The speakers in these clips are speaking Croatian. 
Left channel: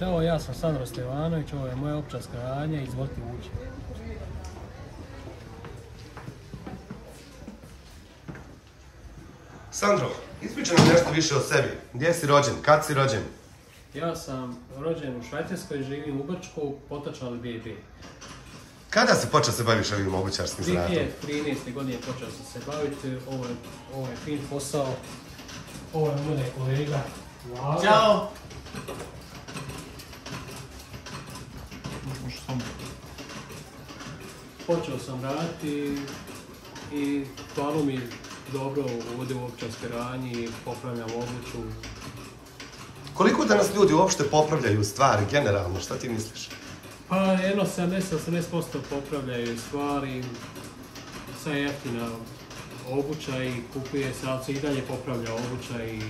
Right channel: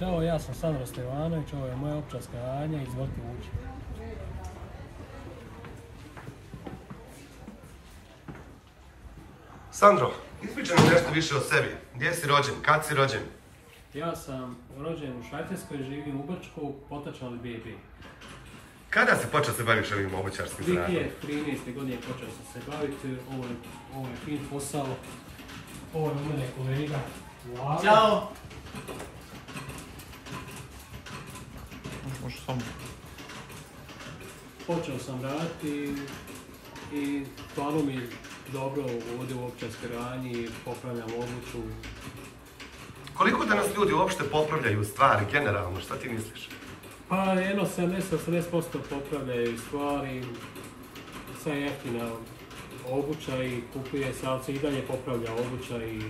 Ćao, ja sam Sandro Stevanović, ovo je moja ovčarska radnja, izvolite ući. Sandro, ispričaj nam nešto više o sebi. Gdje si rođen? Kad si rođen? Ja sam rođen u Švajcarskoj, živim u Brčku, potočno BB. Kada si počeo se baviš ovim obućarskim zanatom? 2013. godine počeo sam se baviti, ovo je fin posao, ovo je moj kolega. Ćao! Počeo sam raditi i stvarno mi dobro ovdje u ovčarskoj radnji, popravljam obuću. Koliko danas ljudi uopšte popravljaju stvari, generalno, šta ti misliš? Pa jedno 70-80% popravljaju stvari, sve jeftina obuća i kupuje se, ali se i dalje popravlja obuća i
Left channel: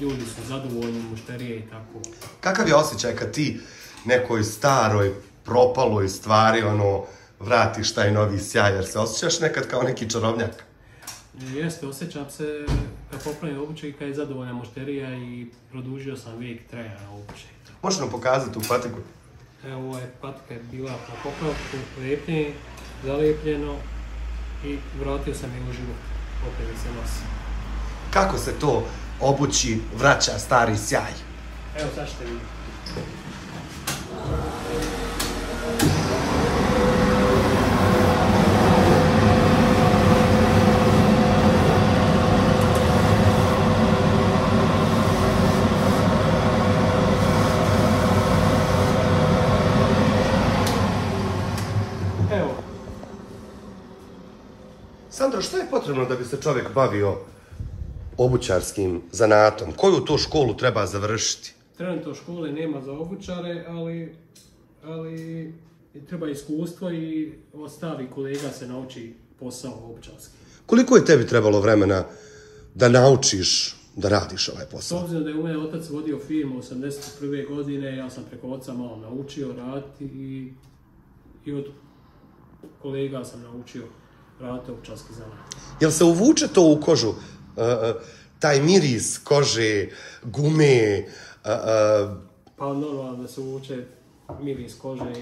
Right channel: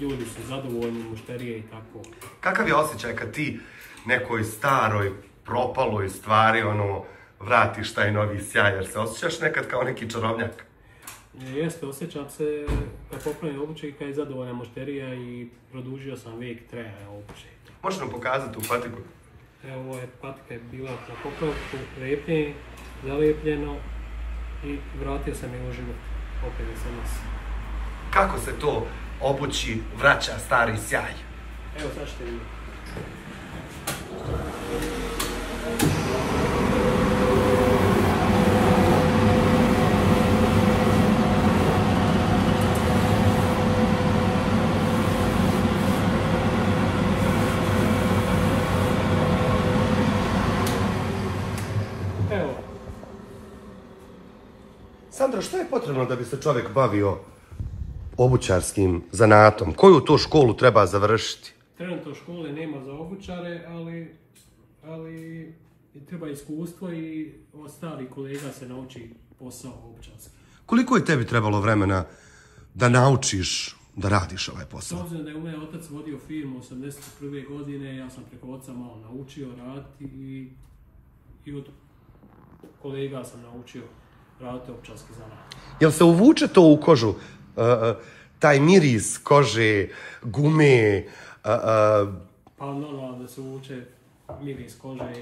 ljudi su zadovoljni, mušterije i tako. Kakav je osjećaj kad ti nekoj staroj, propaloj stvari, vratiš taj novi sjaj, jer se osjećaš nekad kao neki čarobnjak? Jeste, osjećam se kad popravljam obuće i kad je zadovoljna mušterija i produžio sam vijek trajanja obuće. Možeš nam pokazati tu patiku? Evo, ovo je patika je bila na popravku, lepljenje, zalijepljeno i vratio sam je u život, opet da se nosi. Kako se to obući vraća stari sjaj? Evo, sad ćete vidjeti. Sandro, što je potrebno da bi se čovjek bavio obućarskim zanatom? Koju tu školu treba završiti? Trenutno škole nema za obućare, ali treba iskustvo i od starih kolega se nauči posao obućarski. Koliko je tebi trebalo vremena da naučiš da radiš ovaj posao? S obzirom da je moj otac vodio firmu 81. godine, ja sam preko oca malo naučio raditi i od kolega sam naučio raditi ovčarski zanat. Jel se uvuče to u kožu? Taj miris kože, gume? Pa normalno da se uvuče miris kože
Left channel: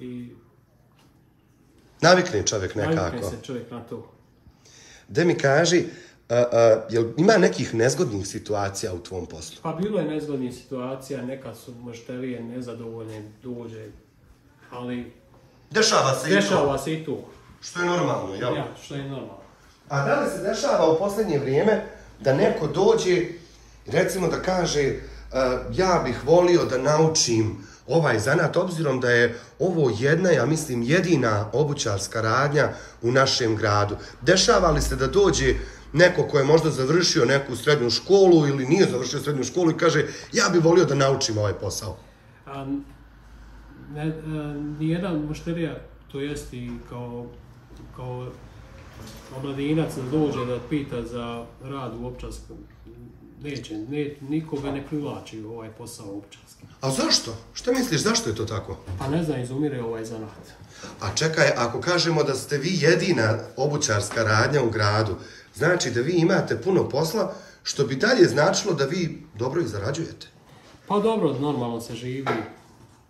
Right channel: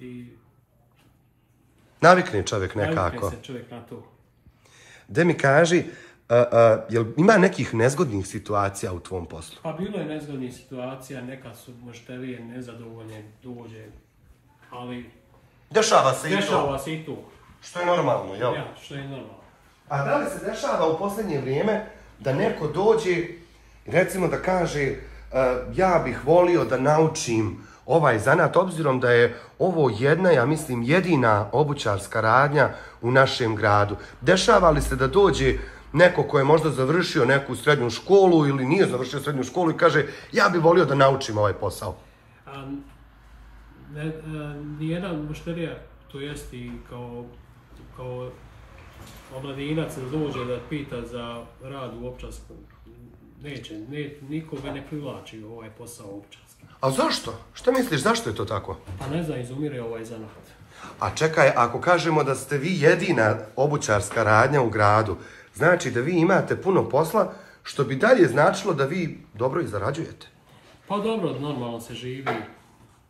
i navikne čovjek nekako. navikne se čovjek na to. Da mi kaži, jel ima nekih nezgodnih situacija u tvom poslu? Pa bilo je nezgodnih situacija, neka su mušterije nezadovoljne, dođe, ali Dešava se i to. Što je normalno, jel? Ja, što je normalno. A da li se dešava u posljednje vrijeme da neko dođe, recimo da kaže ja bih volio da naučim ovaj zanat, obzirom da je ovo jedna, ja mislim, jedina obućarska radnja u našem gradu. Dešava li se da dođe neko ko je možda završio neku srednju školu ili nije završio srednju školu i kaže ja bih volio da naučim ovaj posao? Nijedna mušterija, to jest i kao omladinac da dođe da pita za rad u ovčarskom, nikoga ne privlači u ovaj posao ovčarski. A zašto? Šta misliš, zašto je to tako? Pa ne znam, izumire ovaj zanat. A čekaj, ako kažemo da ste vi jedina obućarska radnja u gradu, znači da vi imate puno posla, što bi dalje značilo da vi dobro i zarađujete. Pa dobro, normalno se živi,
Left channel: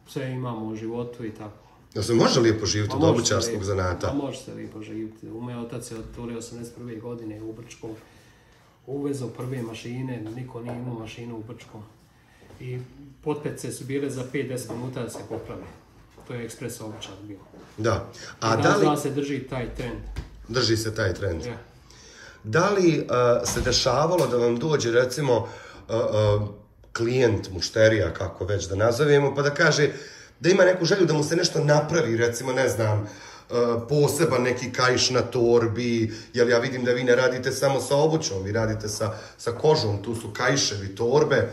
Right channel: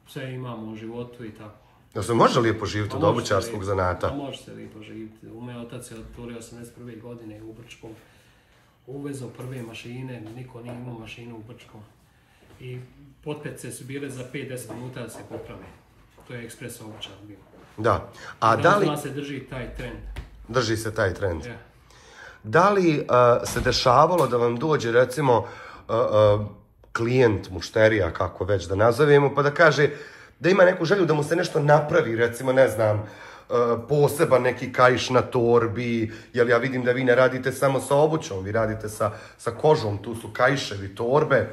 sve imamo u životu i tako. Jel se može lijepo živjeti od obućarskog zanata? Pa može se lijepo živjeti. Moj otac je otvorio 81. godine u Brčkom. Uvezao prve mašine, niko nije imao mašinu u Brčkom. I potpece su bile za 5-10 minuta da se poprave. To je ekspres obućar bio. Da. A da li se drži taj trend? Drži se taj trend. Ja. Da li se dešavalo da vam dođe, recimo, klijent, mušterija, kako već da nazovemo, pa da kaže da ima neku želju da mu se nešto napravi, recimo, ne znam, poseban neki kaiš na torbi, jer ja vidim da vi ne radite samo sa obućom, vi radite sa kožom, tu su kaiševi, torbe.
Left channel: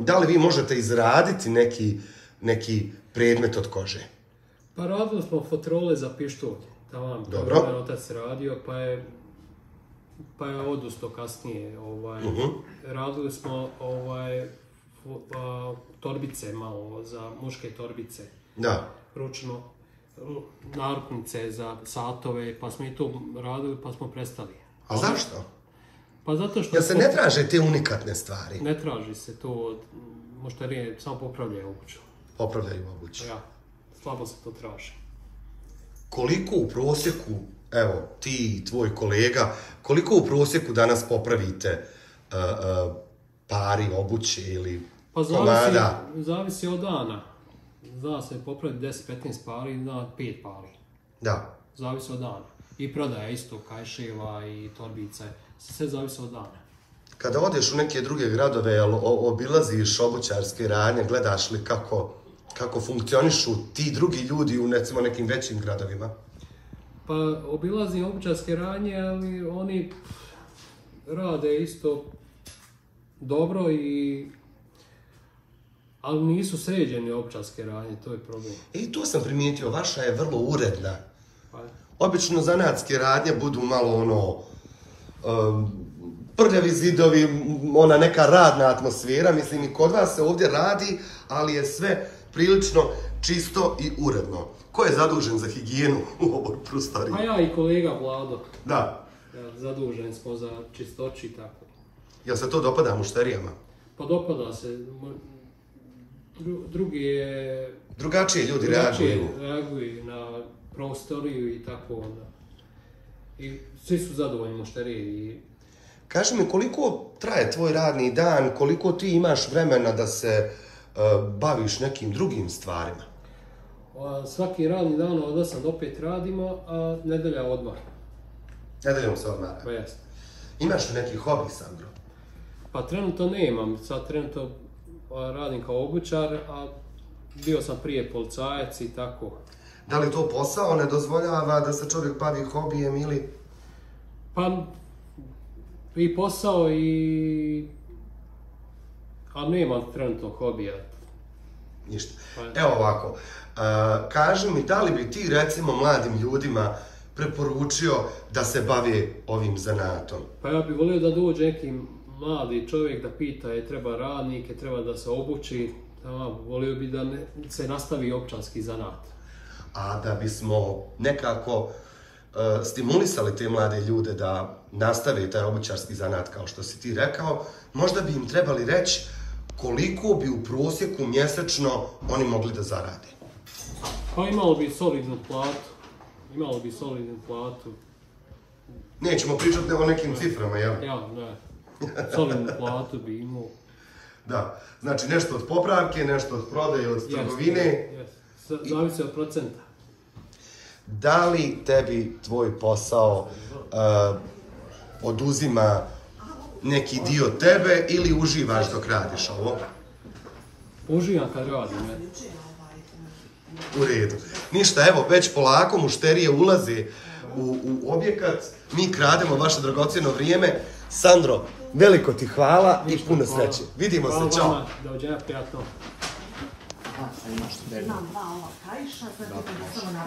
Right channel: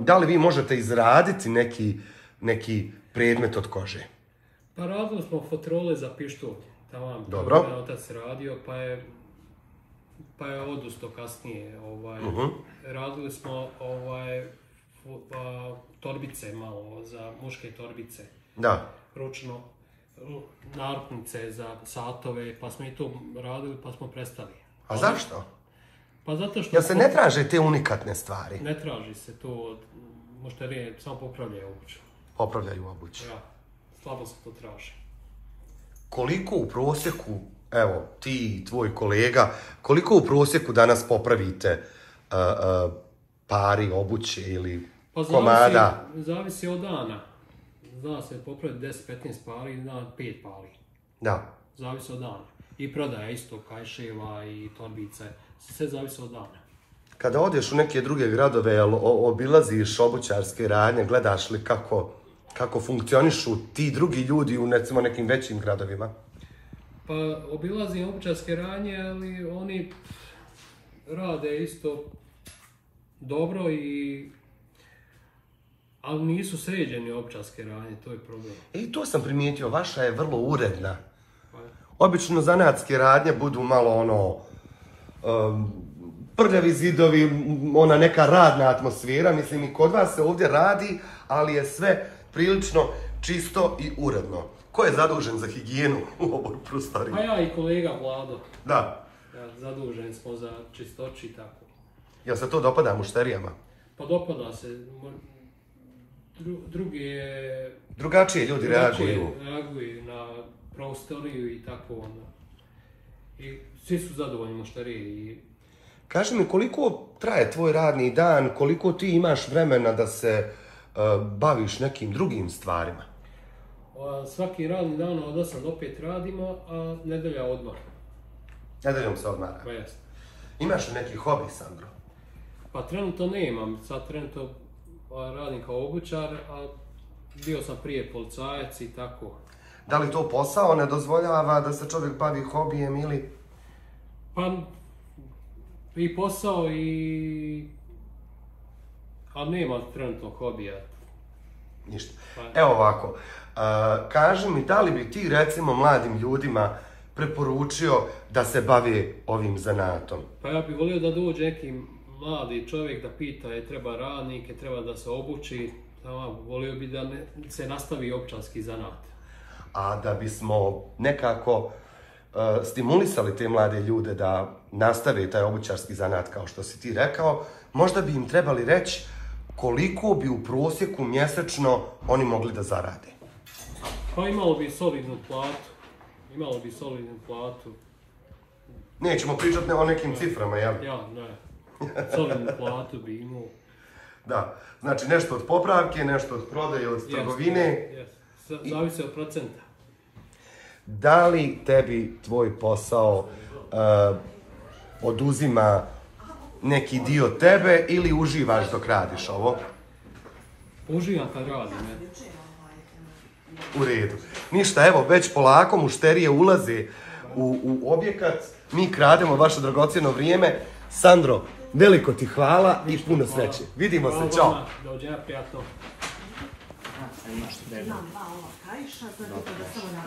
Da li vi možete izraditi neki predmet od kože? Pa radili smo fotrole za pištolj. Dobro. Moj otac radio, pa je odustao kasnije. Radili smo torbice malo, za muške torbice. Da. Ručno, naruknice za satove, pa smo i to radili, pa smo prestali. A zašto? Pa zato što... Jel se ne traže te unikatne stvari? Ne traži se to. mušterije samo popravljaju obuću. Popravljaju obuću. Ja, slabo se to traži. Koliko u prosjeku, evo, ti i tvoj kolega, koliko u prosjeku danas popravite pari obuće ili komada? Zavisi od dana. Zna se popraviti 10-15 pari, zna 5 pari. Da. Zavisi od dana. I prodaja isto, kajševa i torbice. Sve zavisi od dana. Kada odeš u neke druge gradove, obilaziš obućarske radnje, gledaš li kako funkcionišu ti drugi ljudi u recimo nekim većim gradovima? Pa obilazim obućarske radnje, ali oni rade isto dobro ali nisu sređeni obućarske radnje, to je problem. I to sam primijetio, vaša je vrlo uredna. Obično zanatske radnje budu malo prljavi zidovi, ona neka radna atmosfera, mislim i kod vas se ovdje radi, ali je sve prilično čisto i uredno. Ko je zadužen za higijenu u ovoj prostoriji? Pa ja i kolega Vlado. Da. Zaduženi smo za čistoći i tako. Jel se to dopada mušterijama? Pa dopada se. Drugi je... Drugačije ljudi reaguju na prostoriju i tako onda. I svi su zadovoljni mušterije. Kaži mi, koliko traje tvoj radni dan, koliko ti imaš vremena da se baviš nekim drugim stvarima? Svaki radni dan od 8 do 5 radimo, a nedelja odmor. Nedeljom se odmara? Pa jeste. Imaš li neki hobi, Sandro? Pa trenutno nemam, sad trenutno radim kao obućar, a bio sam prije policajac i tako. Da li to posao ne dozvoljava da se čovjek bavi hobijem ili... Pa i posao a nema trenutno hobija. Ništa. Evo ovako, kaži mi da li bi ti recimo mladim ljudima preporučio da se bave ovim zanatom? Pa ja bih volio da dođe neki mladi čovjek da pita je treba radnike, treba da se obuči, volio bi da se nastavi obućarski zanat. A da bismo nekako stimulisali te mlade ljude da nastave taj obućarski zanat kao što si ti rekao, možda bi im trebali reći koliko bi u prosjeku mjesečno oni mogli da zarade. Pa imalo bi solidnu platu. Nećemo pričati o nekim ciframa, jel? Ja, ne. Solidnu platu bi imao. Da, znači nešto od popravke, nešto od prodaje, od trgovine. Zavisi od procenta. Da li tebi tvoj posao oduzima neki dio tebe ili uživaš dok radiš ovo? Uživam kad radim, U redu. Ništa, evo, već polako mušterije ulaze u objekat, mi krademo vaše dragocjeno vrijeme. Sandro, veliko ti hvala i puno sreće. Vidimo se, čao. Hvala vama, dođenja, prijatno. Imam 2 ova kajša, sad ćemo samo na